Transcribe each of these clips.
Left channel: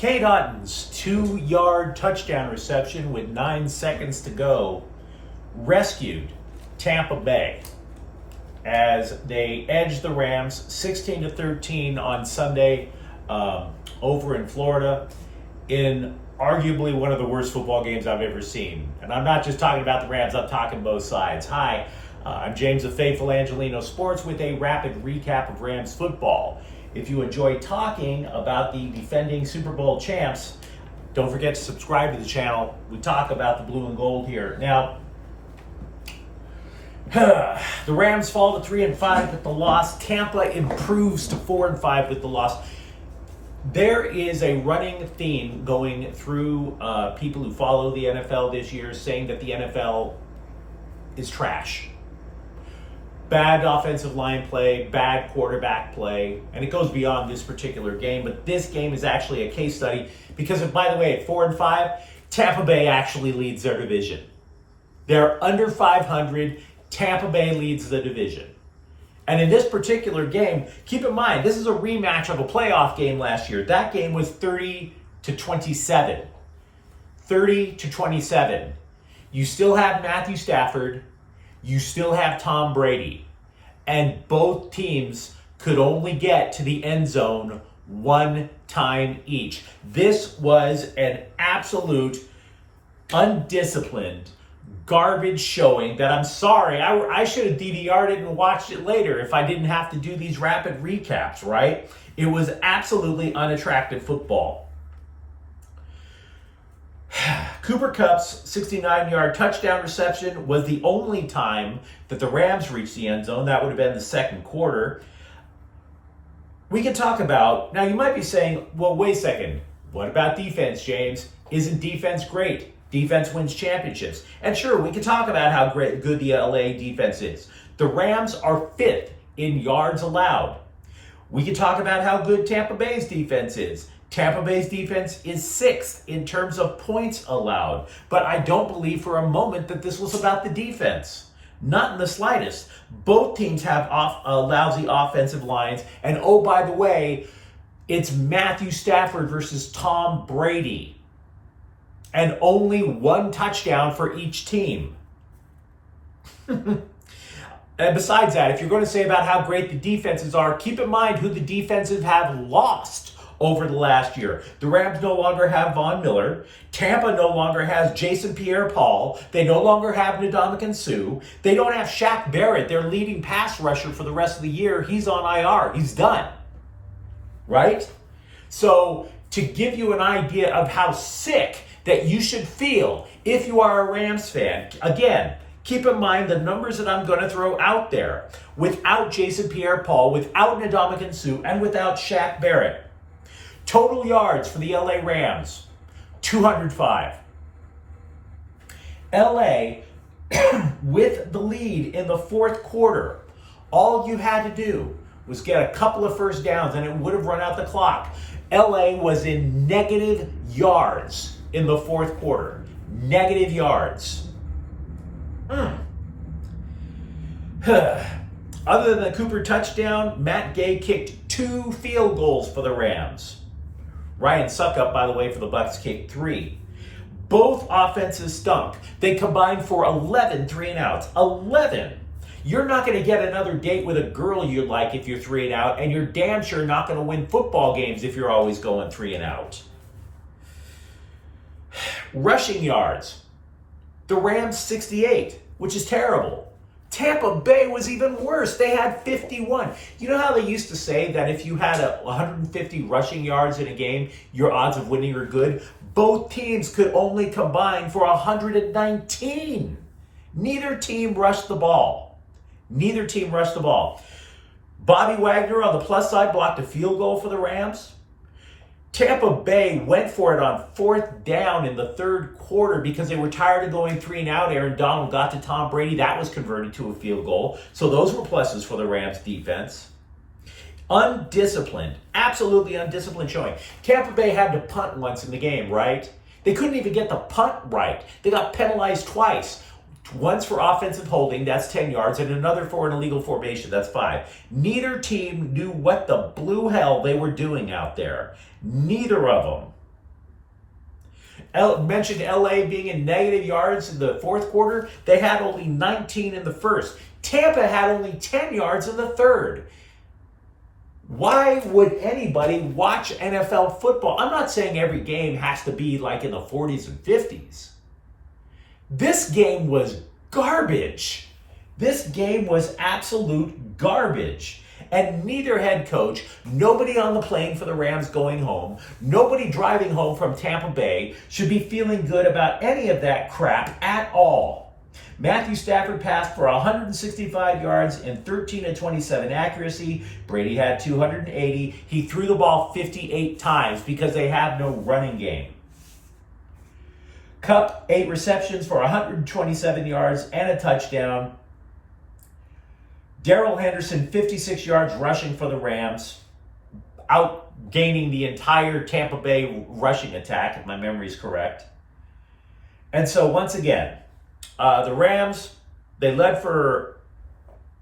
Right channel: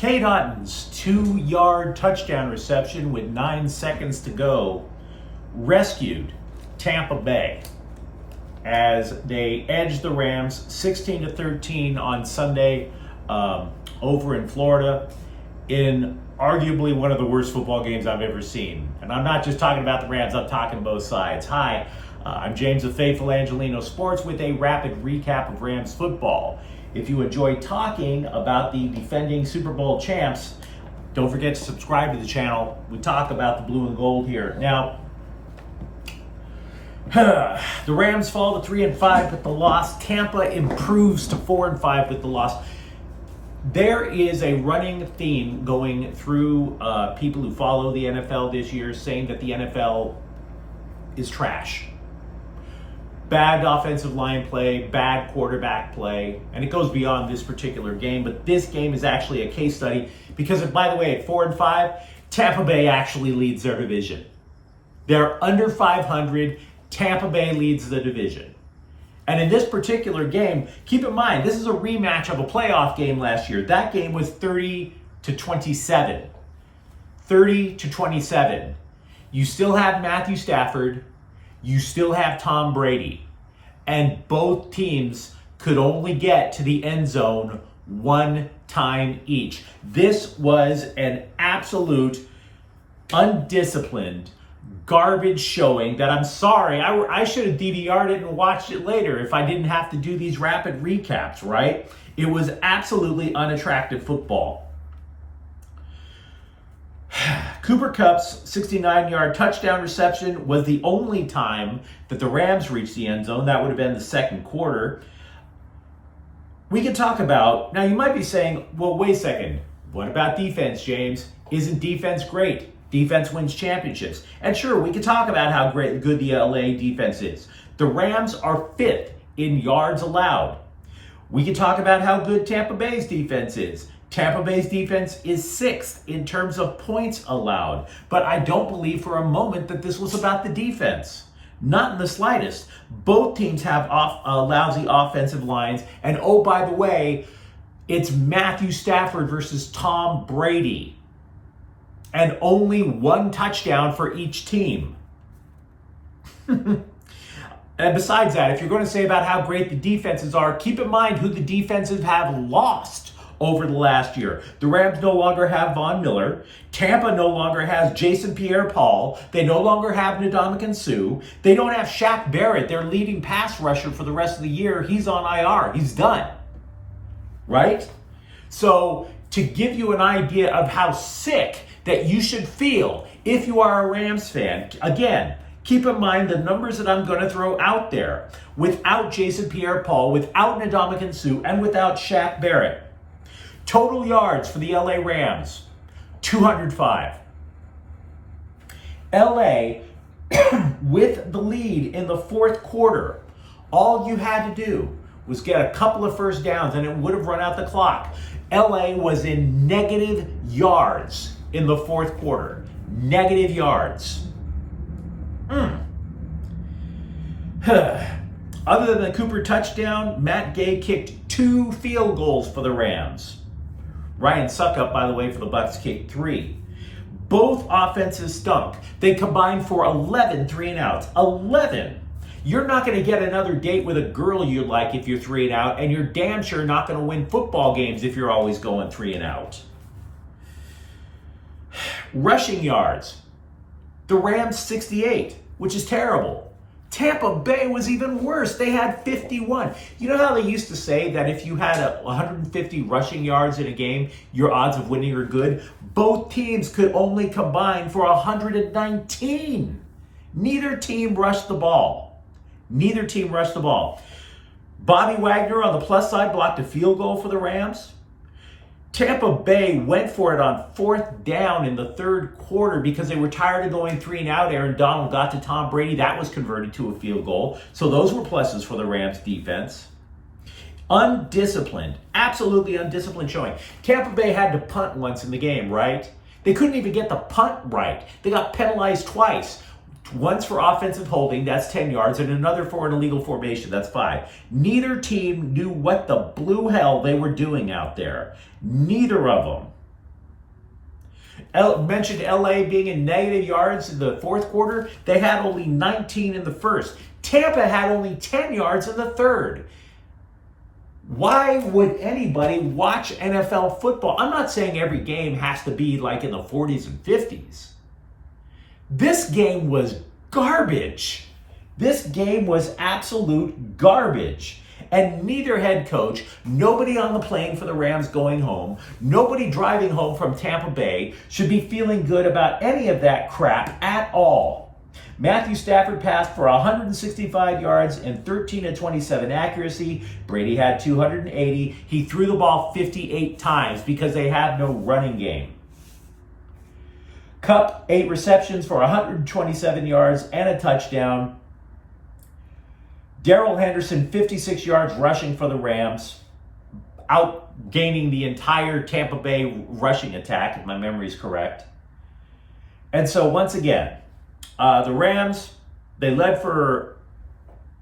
Kate Otten's 2-yard touchdown reception with 9 seconds to go rescued Tampa Bay as they edged the Rams 16-13 on Sunday over in Florida in arguably one of the worst football games I've ever seen. And I'm not just talking about the Rams, I'm talking both sides. Hi, I'm James of Faithful Angelino Sports with a rapid recap of Rams football. If you enjoy talking about the defending Super Bowl champs, don't forget to subscribe to the channel. We talk about the blue and gold here. Now, the Rams fall to 3-5 with the loss. Tampa improves to 4-5 with the loss. There is a running theme going through people who follow the NFL this year saying that the NFL is trash. Bad offensive line play, bad quarterback play, and it goes beyond this particular game, but this game is actually a case study because, by the way, at 4-5, Tampa Bay actually leads their division. They're under 500, Tampa Bay leads the division. And in this particular game, keep in mind, this is a rematch of a playoff game last year. That game was 30-27. 30-27. You still have Matthew Stafford. You still have Tom Brady. And both teams could only get to the end zone one time each. This was an absolute undisciplined garbage showing that I'm sorry, I should have DVR'd it and watched it later if I didn't have to do these rapid recaps, right? It was absolutely unattractive football. Cooper Kupp's 69-yard touchdown reception was the only time that the Rams reached the end zone. That would have been the second quarter. We can talk about, now you might be saying, well, wait a second. What about defense, James? Isn't defense great? Defense wins championships. And sure, we can talk about how good the LA defense is. The Rams are 5th in yards allowed. We can talk about how good Tampa Bay's defense is. Tampa Bay's defense is 6th in terms of points allowed. But I don't believe for a moment that this was about the defense. Not in the slightest. Both teams have lousy offensive lines. And oh, by the way, it's Matthew Stafford versus Tom Brady. And only one touchdown for each team. And besides that, if you're going to say about how great the defenses are, keep in mind who the defenses have lost over the last year. The Rams no longer have Von Miller. Tampa no longer has Jason Pierre-Paul. They no longer have Ndamukong Suh. They don't have Shaq Barrett, their leading pass rusher for the rest of the year. He's on IR. He's done. Right? So, to give you an idea of how sick that you should feel if you are a Rams fan, again, keep in mind the numbers that I'm going to throw out there. Without Jason Pierre-Paul, without Ndamukong Suh, and without Shaq Barrett. Total yards for the LA Rams, 205. LA, with the lead in the fourth quarter, all you had to do was get a couple of first downs and it would have run out the clock. LA was in negative yards in the fourth quarter. Negative yards. Other than the Cooper touchdown, Matt Gay kicked 2 field goals for the Rams. Ryan Suckup, by the way, for the Bucks kicked 3. Both offenses stunk. They combined for 11 3-and-outs. 11. You're not going to get another date with a girl you like if you're 3-and-out, and you're damn sure not going to win football games if you're always going 3-and-out. Rushing yards. The Rams 68, which is terrible. Tampa Bay was even worse. They had 51. You know how they used to say that if you had 150 rushing yards in a game, your odds of winning are good? Both teams could only combine for 119. Neither team rushed the ball. Neither team rushed the ball. Bobby Wagner on the plus side blocked a field goal for the Rams. Tampa Bay went for it on 4th down in the third quarter because they were tired of going 3-and-out. Aaron Donald got to Tom Brady. That was converted to a field goal. So those were pluses for the Rams defense. Undisciplined. Absolutely undisciplined showing. Tampa Bay had to punt once in the game, right? They couldn't even get the punt right. They got penalized twice. Once for offensive holding, that's 10 yards, and another for an illegal formation, that's 5. Neither team knew what the blue hell they were doing out there. Neither of them. Mentioned LA being in negative yards in the fourth quarter. They had only 19 in the first. Tampa had only 10 yards in the third. Why would anybody watch NFL football? I'm not saying every game has to be like in the 40s and 50s. This game was garbage. This game was absolute garbage. And neither head coach, nobody on the plane for the Rams going home, nobody driving home from Tampa Bay should be feeling good about any of that crap at all. Matthew Stafford passed for 165 yards and 13 of 27 accuracy. Brady had 280. He threw the ball 58 times because they have no running game. Kupp, 8 receptions for 127 yards and a touchdown. Darrell Henderson, 56 yards rushing for the Rams, outgaining the entire Tampa Bay rushing attack, if my memory is correct. And so once again, the Rams, they led for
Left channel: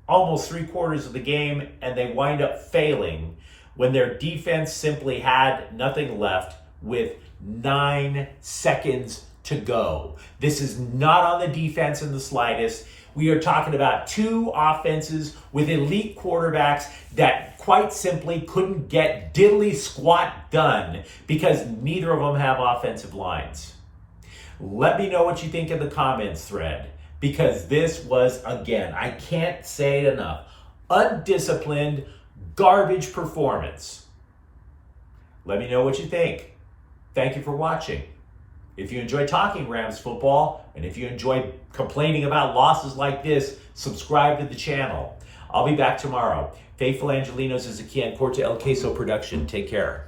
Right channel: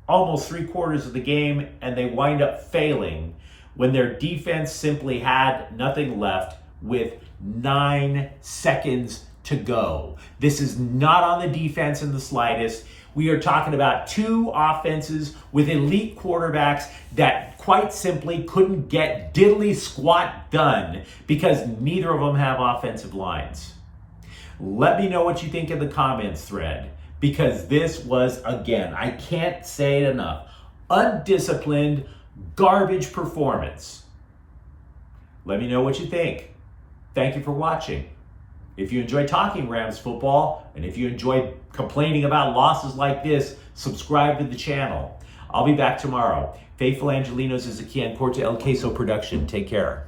almost 3/4 of the game, and they wind up failing when their defense simply had nothing left with 9 seconds to go. This is not on the defense in the slightest. We are talking about 2 offenses with elite quarterbacks that quite simply couldn't get diddly squat done because neither of them have offensive lines. Let me know what you think in the comments thread, because this was, again, I can't say it enough, undisciplined, garbage performance. Let me know what you think. Thank you for watching. If you enjoy talking Rams football, and if you enjoy complaining about losses like this, subscribe to the channel. I'll be back tomorrow. Faithful Angelinos is a Kian Corte El Queso production. Take care.